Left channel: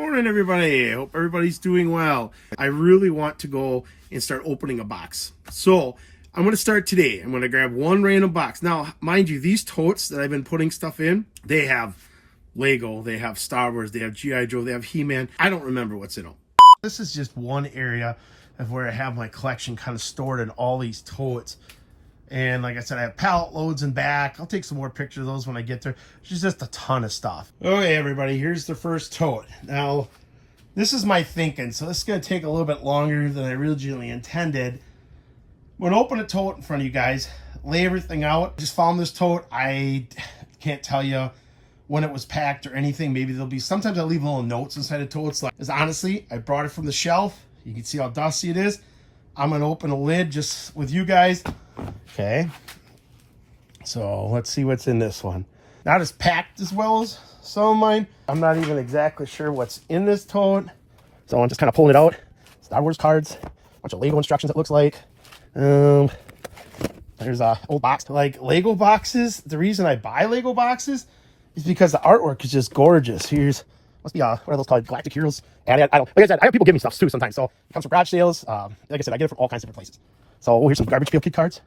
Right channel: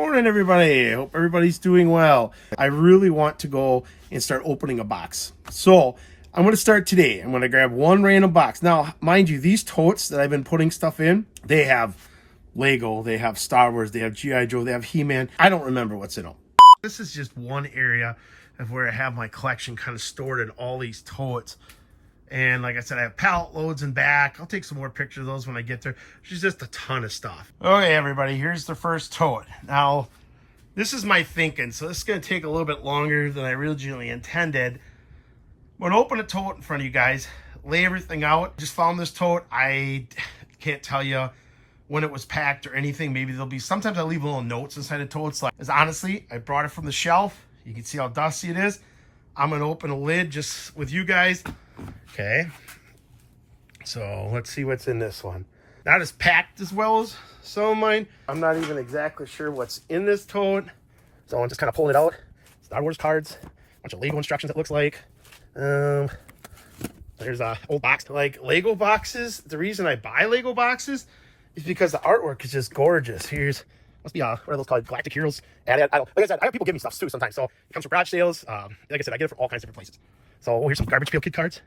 Morning, everybody. Hope everybody's doing well. I really want to go and start opening a box. So I'm going to start today. I'm going to grab one random box. Now, mind you, these totes that I've been putting stuff in, they have Lego, they have Star Wars, they have G.I. Joe, they have He-Man. I don't remember what's in them. This is just one area of where I have my collection kind of stored in all these totes. And like I said, I have pallet loads in back. I'll take some more pictures of those when I get there. There's just a ton of stuff. Okay, everybody, here's the first tote. Now, this is my thinking, so this is going to take a little bit longer than I originally intended. I'm going to open a tote in front of you guys, lay everything out. Just found this tote. I can't tell you when it was packed or anything. Maybe there'll be, sometimes I leave little notes inside the totes. Like, honestly, I brought it from the shelf. You can see how dusty it is. I'm going to open a lid just with you guys. Okay, so let's see what's in this one. Not as packed as well as some of mine. I'm not even exactly sure what's in this tote. So I'm just kind of pulling it out. Star Wars cards, a bunch of Lego instructions it looks like. There's a old box. Like Lego boxes, the reason I buy Lego boxes is because the artwork is just gorgeous. Here's, must be what are those called? Galactic Heroes. And I don't, like I said, I have people give me stuff too sometimes. So it comes from garage sales. Like I said, I get it from all kinds of different places. So here's some Garbage Pail Kid cards.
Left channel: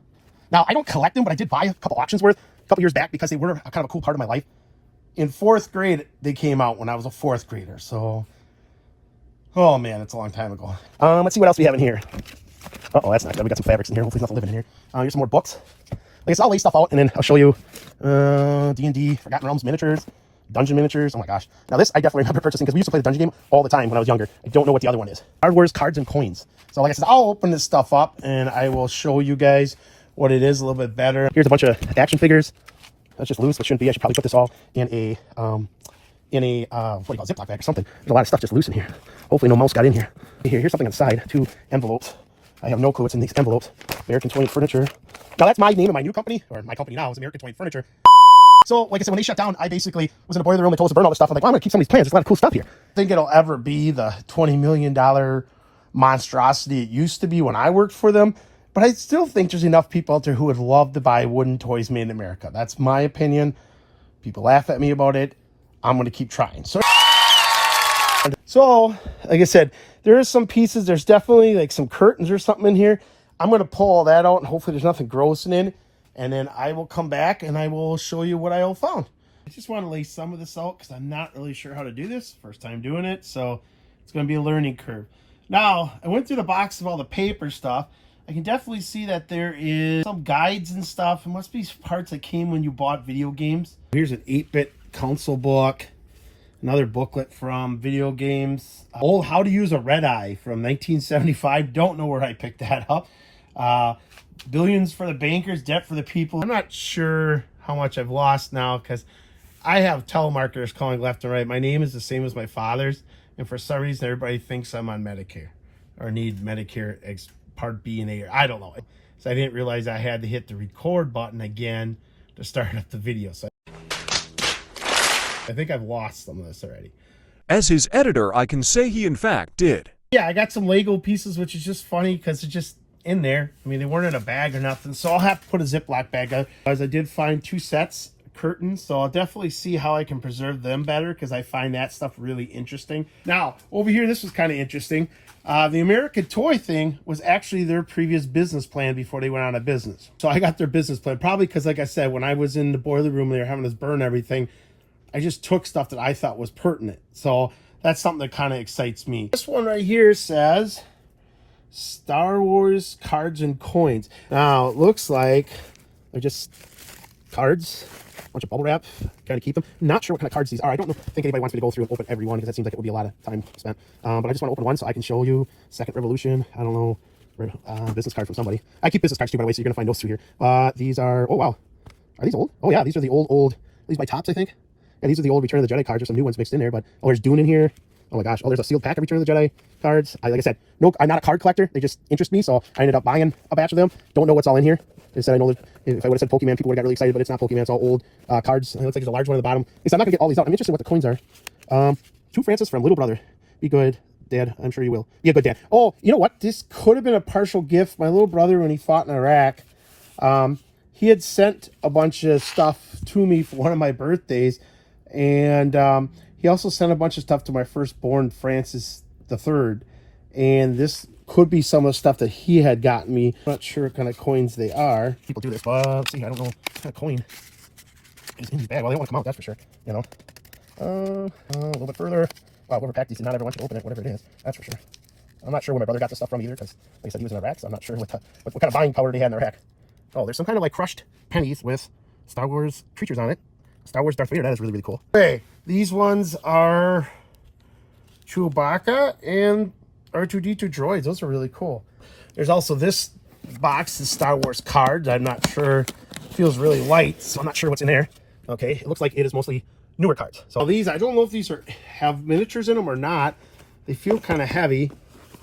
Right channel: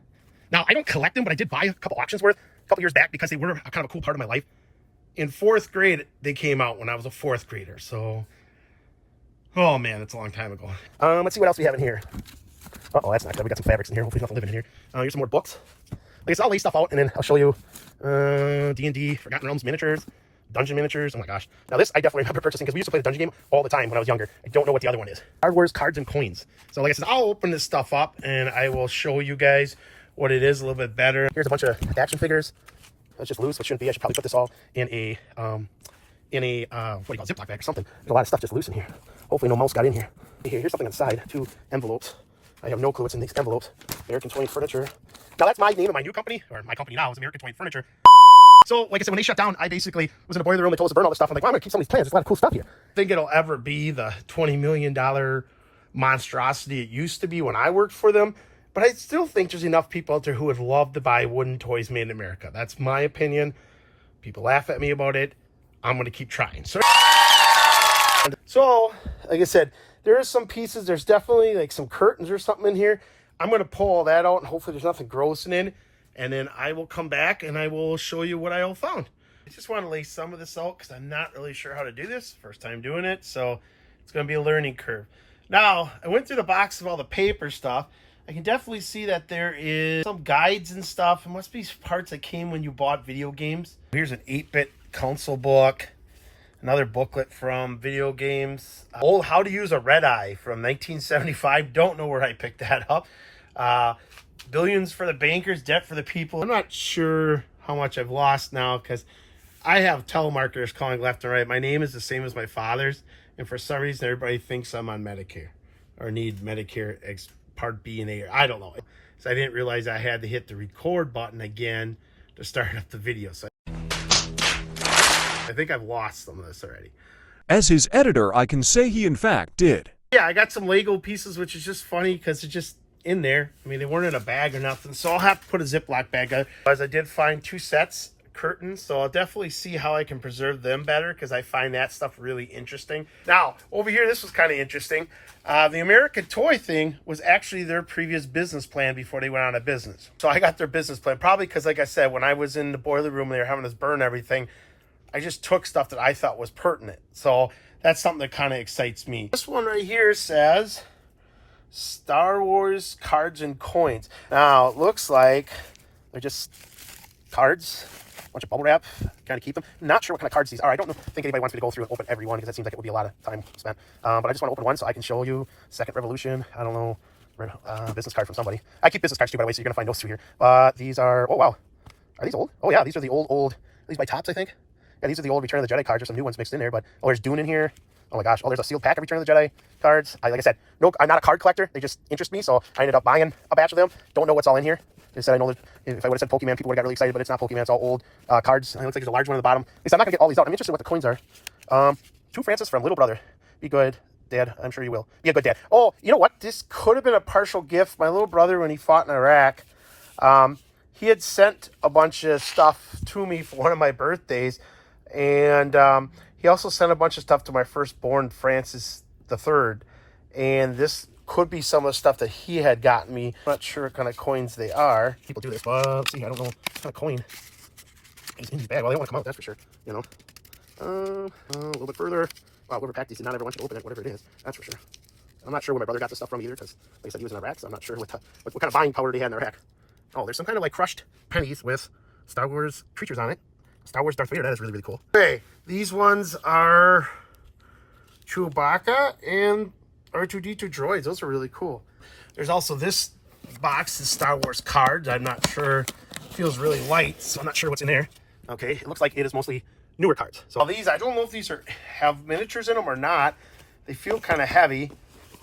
Now, I don't collect them, but I did buy a couple auctions worth a couple years back because they were kind of a cool part of my life. In 4th grade, they came out when I was a 4th grader. So, oh man, it's a long time ago. Let's see what else we have in here. Uh-oh, that's not good. We got some fabrics in here. Hopefully nothing living in here. Here's some more books. I guess I'll lay stuff out and then I'll show you D&D, Forgotten Realms miniatures, Dungeon miniatures. Oh my gosh. Now this I definitely remember purchasing because we used to play the Dungeon game all the time when I was younger. I don't know what the other one is. Star Wars cards and coins. So like I said, I'll open this stuff up and I will show you guys what it is a little bit better. Here's a bunch of action figures. That's just loose. It shouldn't be. I should probably put this all in a what do you call it, Ziploc bag or something. There's a lot of stuff just loose in here. Hopefully no mouse got in here. Here's something inside. 2 envelopes. I have no clue what's in these envelopes. American Toy Furniture. Now that's my name of my new company, or my company now is American Toy Furniture. So, like I said, when they shut down, I basically was in a boiler room. They told us to burn all this stuff. I'm like, well, I'm going to keep some of these plans. There's a lot of cool stuff here. I think it'll ever be the $20 million monstrosity it used to be when I worked for them. But I still think there's enough people out there who would love to buy wooden toys made in America. That's my opinion. People laugh at me about it. I'm going to keep trying. So, like I said, there are some pieces. There's definitely like some curtains or something in here. I'm going to pull all that out and hopefully there's nothing gross in it. And then I will come back and I will show you what I all found. I just want to lay some of this out because I'm not really sure how to do this. First time doing it. So it's going to be a learning curve. Now, I went through the box of all the paper stuff. I can definitely see that there is some guides and stuff. It must be parts that came when you bought video games. Here's an 8-bit console book. Another booklet from video games. Old How to Use a Red Eye from 1975. Don't know where I picked that up. Billions for the Bankers, Debt for the People. I'm not sure how much I've lost now because I have telemarketers calling left and right. My name is the same as my father's. And for some reason, everybody thinks I'm on Medicare or need Medicare Part B and A, or I don't know. So I didn't realize I had to hit the record button again to start up the video. So I think I've lost some of this already. As his editor, I can say he in fact did. Yeah, I got some Lego pieces, which is just funny because it's just in there. I mean, they weren't in a bag or nothing. So I'll have to put a Ziploc bag on. As I did find 2 sets curtains, so I'll definitely see how I can preserve them better because I find that stuff really interesting. Now, over here, this was kind of interesting. The American Toy thing was actually their previous business plan before they went out of business. So I got their business plan, probably because, like I said, when I was in the boiler room and they were having us burn everything, I just took stuff that I thought was pertinent. So that's something that kind of excites me. This one right here says Star Wars cards and coins. Now, it looks like they're just cards. Bunch of bubble wrap, kind of keep them. Not sure what kind of cards these are. I don't think anybody wants me to go through and open every one because that seems like it would be a lot of time spent. But I just want to open one so I can show you Second Revolution. I don't know, business card from somebody. I keep business cards too, by the way, so you're gonna find those two here. These are, oh wow, are these old? Oh yeah, these are the old. These by Topps, I think. Yeah, these are the old Return of the Jedi cards. There's some new ones mixed in there, but oh, there's Dune in here. Oh my gosh. Oh, there's a sealed pack of Return of the Jedi cards. Like I said, no, I'm not a card collector. They just interest me, so I ended up buying a batch of them. Don't know what's all in here. They said I know that if I would have said Pokemon, people would have got really excited, but it's not Pokemon. It's all old cards. It looks like there's a large one at the bottom. At least I'm not gonna get all these out. I'm interested in what the coins are. To Francis from Little Brother. Be good, Dad. I'm sure you will. Be a good dad. Oh, you know what? This could have been a partial gift. My little brother, when he fought in Iraq, he had sent a bunch of stuff to me for one of my birthdays, and He also sent a bunch of stuff to my firstborn, Francis III, and this could be some of the stuff that he had gotten me. I'm not sure what kind of coins they are. People do this, but let's see, I don't know what kind of coin is in his bag. Well, they don't want to come out, that's for sure. You know, a little bit further. Wow, whoever packed these, not everyone should open it, whatever it is. That's for sure. I'm not sure where my brother got this stuff from either, because, like I said, he was in Iraq, so I'm not sure what kind of buying power they had in their rack. Oh, there's some kind of like crushed pennies with Star Wars creatures on it. Star Wars Darth Vader, that is really, really cool. Okay, these ones are Chewbacca and R2-D2 droids. Those are really cool. There's also this box, the Star Wars cards. I'm not sure. It feels really light, so I'm not sure what's in there. Okay, it looks like it is mostly newer cards. So these, I don't know if these have miniatures in them or not. They feel kind of heavy,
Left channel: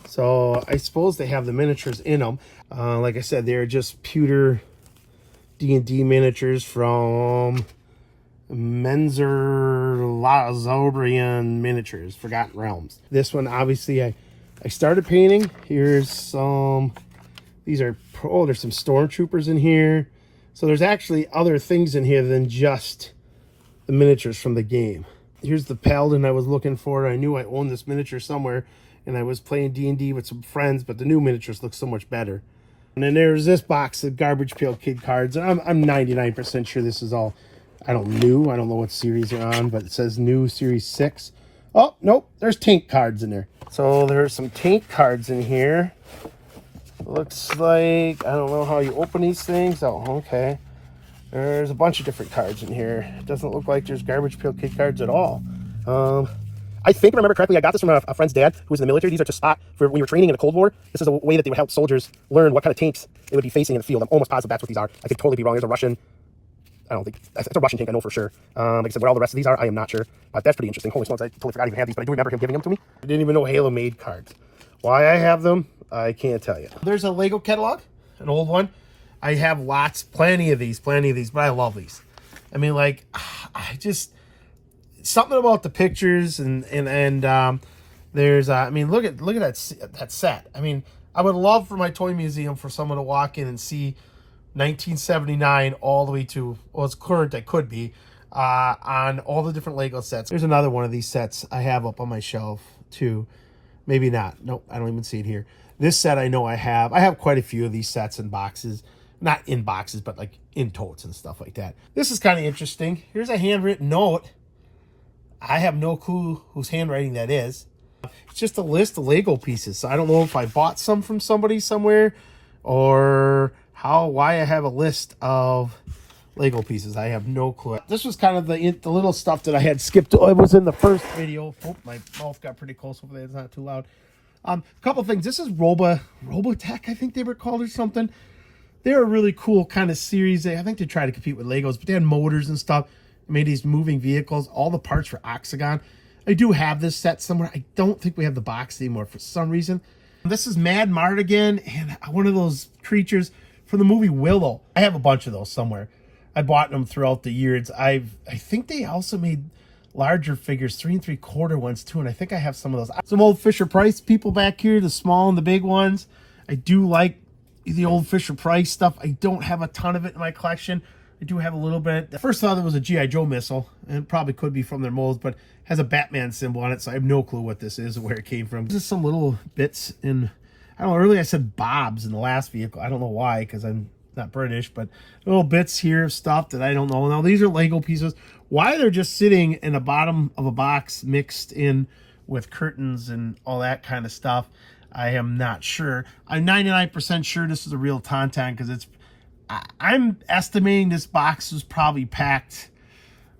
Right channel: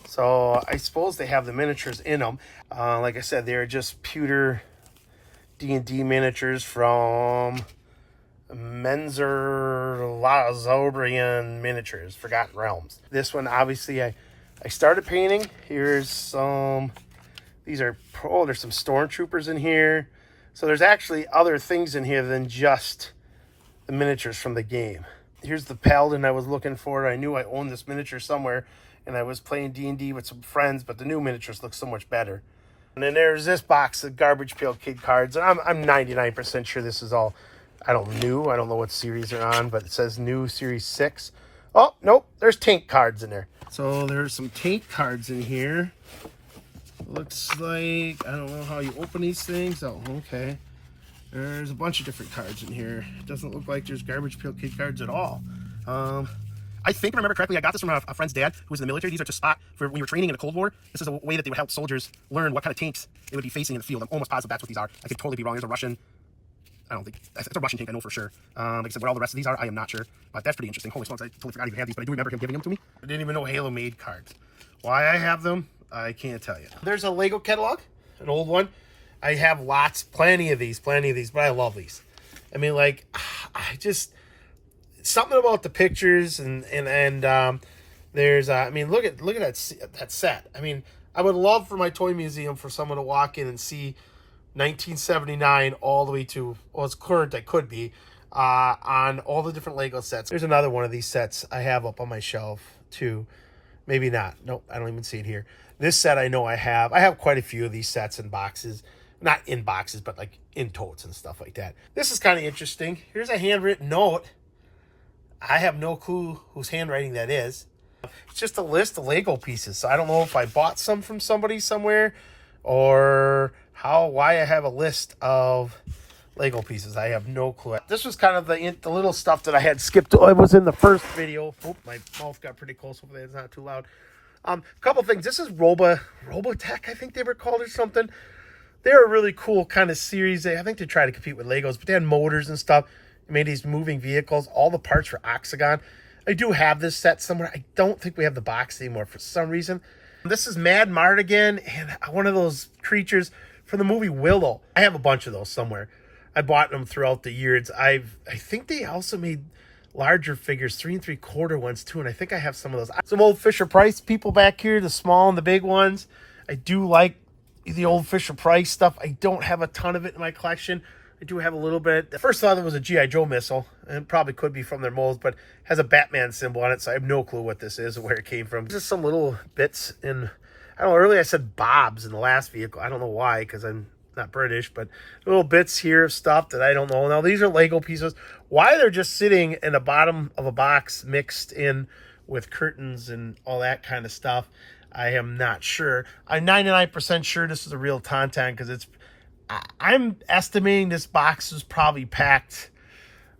so I suppose they have the miniatures in them. Like I said, they're just pewter D&D miniatures from Menzer Lazobrian Miniatures, Forgotten Realms. This one, obviously, I started painting. Here's some, these are, oh, there's some stormtroopers in here. So there's actually other things in here than just the miniatures from the game. Here's the Paladin I was looking for. I knew I owned this miniature somewhere, and I was playing D&D with some friends, but the new miniatures look so much better. And then there's this box of Garbage Pail Kid cards. I'm 99% sure this is all, I don't know what series they're on, but it says new series 6. Oh, nope, there's tank cards in there. So there's some tank cards in here. Looks like, I don't know how you open these things. Oh, okay. There's a bunch of different cards in here. It doesn't look like there's Garbage Pail Kid cards at all. I think, if I remember correctly, I got this from a friend's dad who was in the military. These are just spot for when you were training in the Cold War. This is a way that they would help soldiers learn what kind of tanks they would be facing in the field. I'm almost positive that's what these are. I could totally be wrong. There's a Russian, I don't think, it's a Russian tank, I know for sure. Like I said, what all the rest of these are, I am not sure. But that's pretty interesting. Holy smokes, I totally forgot I even had these, but I do remember him giving them to me. I didn't even know Halo made cards. Why I have them, I can't tell you. There's a Lego catalog, an old one. I have plenty of these, but I love these. I mean, like, I just, something about the pictures and there's, I mean, look at that set. I mean, I would love for my toy museum for someone to walk in and see 1979 all the way to, well, it's current, I could be, on all the different Lego sets. There's another one of these sets I have up on my shelf too. Maybe not. Nope, I don't even see it here. This set I know I have. I have quite a few of these sets in boxes. Not in boxes, but like in totes and stuff like that. This is kind of interesting. Here's a handwritten note. I have no clue whose handwriting that is. It's just a list of Lego pieces. So I don't know if I bought some from somebody somewhere or why I have a list of Lego pieces. I have no clue. This was kind of the little stuff that I had skipped. It was in the first video. Oh, my mouth got pretty close. Hopefully it's not too loud. A couple things. This is Robotech, I think they were called or something. They're a really cool kind of series. I think they try to compete with Legos, but they had motors and stuff. They made these moving vehicles. All the parts for Oxagon. I do have this set somewhere. I don't think we have the box anymore for some reason. This is Mad Mardigan and one of those creatures from the movie Willow. I have a bunch of those somewhere. I bought them throughout the years. I think they also made larger figures, 3 3/4 ones too, and I think I have some of those. Some old Fisher-Price people back here, the small and the big ones. I do like the old Fisher-Price stuff. I don't have a ton of it in my collection. I do have a little bit. The first thought it was a G.I. Joe missile, and it probably could be from their molds, but has a Batman symbol on it, so I have no clue what this is or where it came from. Just some little bits in, I don't know, earlier I said Bob's in the last vehicle. I don't know why, because I'm not British, but little bits here of stuff that I don't know. Now, these are Lego pieces. Why they're just sitting in the bottom of a box mixed in with curtains and all that kind of stuff, I am not sure. I'm 99% sure this is a real Tauntaun because I'm estimating this box is probably packed.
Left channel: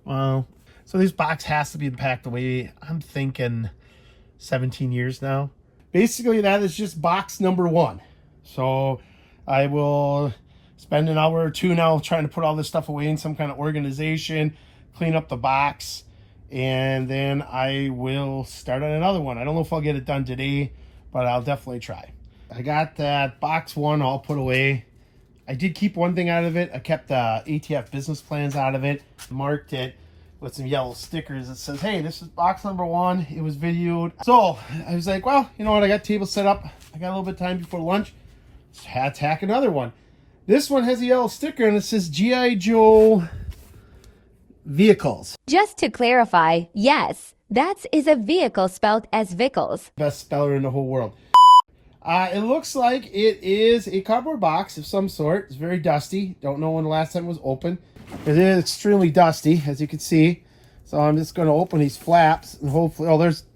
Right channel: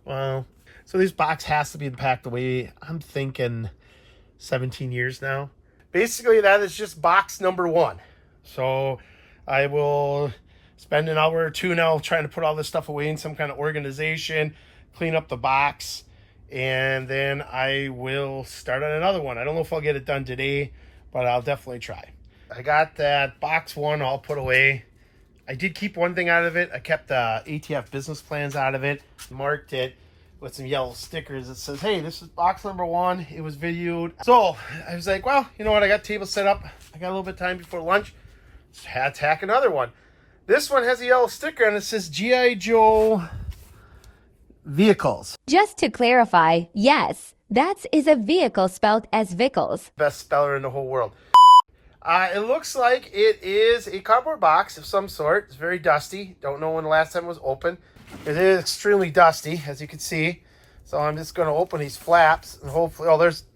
Well, so this box has to be packed away. I'm thinking 17 years now. Basically, that is just box number 1. So I will spend an hour or two now trying to put all this stuff away in some kind of organization, clean up the box, and then I will start on another one. I don't know if I'll get it done today, but I'll definitely try. I got that box 1 all put away. I did keep one thing out of it. I kept the ATF business plans out of it, marked it with some yellow stickers that says, hey, this is box number 1. It was videoed. So I was like, well, you know what? I got table set up. I got a little bit of time before lunch. Let's hack another one. This one has a yellow sticker and it says G.I. Joe Vehicles. Just to clarify, yes, That is a vehicle spelled as Vickles. Best speller in the whole world. It looks like it is a cardboard box of some sort. It's very dusty. Don't know when the last time it was open. It is extremely dusty, as you can see. So I'm just going to open these flaps and hopefully...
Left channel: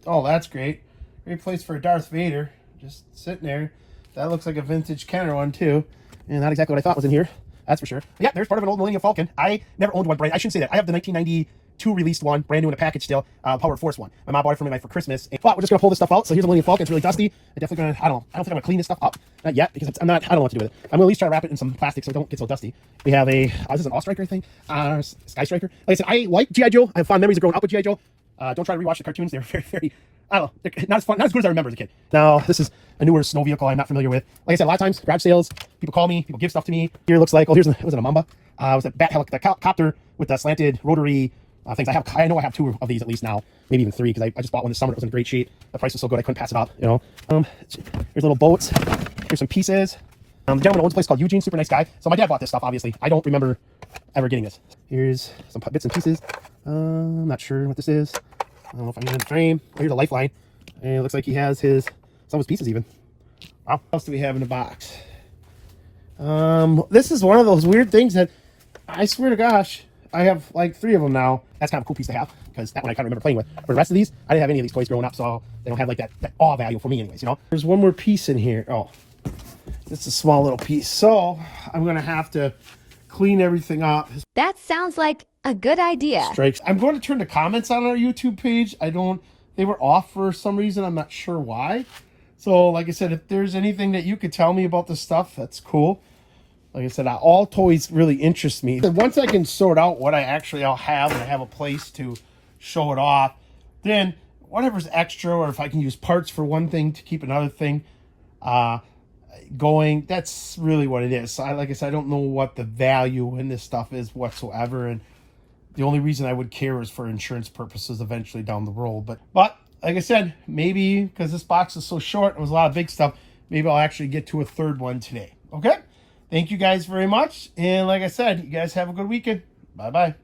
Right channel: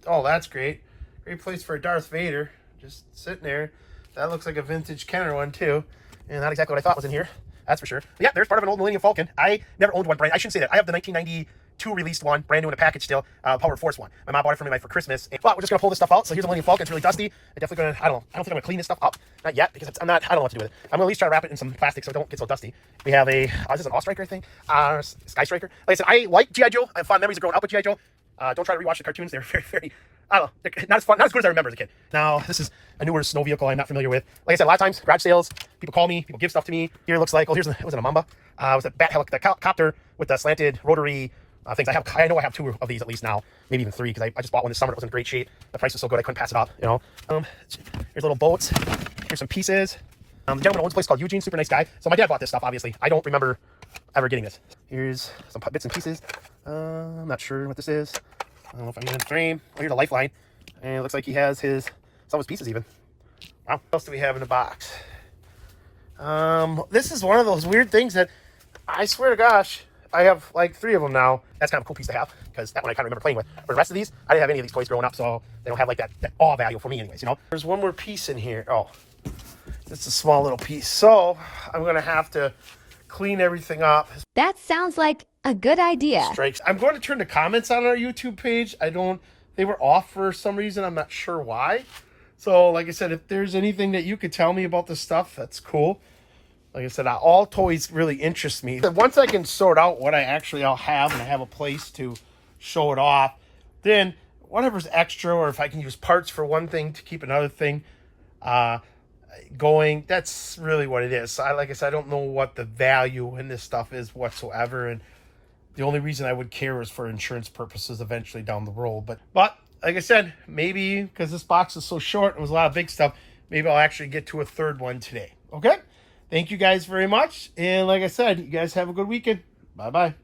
Oh, that's great. Great place for a Darth Vader. Just sitting there. That looks like a vintage Kenner one, too. And not exactly what I thought was in here. That's for sure. But yeah, there's part of an old Millennium Falcon. I never owned one brand. I shouldn't say that. I have the 1992 released one, brand new in a package still, Power Force one. My mom bought it for me for Christmas. But we're just gonna pull this stuff out. So here's the Millennium Falcon. It's really dusty. I'm definitely gonna. I don't think I'm gonna clean this stuff up. Not yet because I don't know what to do with it. I'm gonna at least try to wrap it in some plastic so it don't get so dusty. We have a. This is an All-Striker thing. Sky Striker. Like I said, I like G.I. Joe. I have fond memories of growing up with G.I. Joe. Don't try to rewatch the cartoons. They're very, very. I don't know. They're not as fun, not as good as I remember as a kid. Now, this is a newer snow vehicle I'm not familiar with. Like I said, a lot of times, garage sales, people call me, people give stuff to me. Here it looks like, it was a Mamba. It was a bat helicopter with the slanted rotary things. I know I have 2 of these at least now, maybe even 3, because I just bought one this summer. It was in great shape. The price was so good I couldn't pass it up, you know. Here's little boats. Here's some pieces. The gentleman owns a place called Eugene, super nice guy. So my dad bought this stuff, obviously. I don't remember ever getting this. Here's some bits and pieces. I'm not sure what this is. I don't know if I'm in the frame. Here's a lifeline. And it looks like he has some of his pieces even. Wow. What else do we have in the box? This is one of those weird things that I swear to gosh, I have like 3 of them now. That's kind of a cool piece to have because that one I kind of remember playing with. For the rest of these, I didn't have any of these toys growing up, so they don't have like that awe value for me anyways, you know? There's one more piece in here. Oh, it's a small little piece. So I'm going to have to clean everything up. That sounds like a good idea. Strikes. I'm going to turn the comments on our YouTube page. They were off for some reason. I'm not sure why. So like I said, if there's anything that you could tell me about this stuff, that's cool. Like I said, all toys really interest me. Once I can sort out what I'll have and I have a place to show it off, then whatever's extra, or if I can use parts for one thing to keep another thing going, that's really what it is. Like I said, I don't know what the value in this stuff is whatsoever, and the only reason I would care is for insurance purposes eventually down the road. But like I said, maybe because this box is so short and it was a lot of big stuff, maybe I'll actually get to a 3rd one today. Okay? Thank you guys very much. And like I said, you guys have a good weekend. Bye-bye.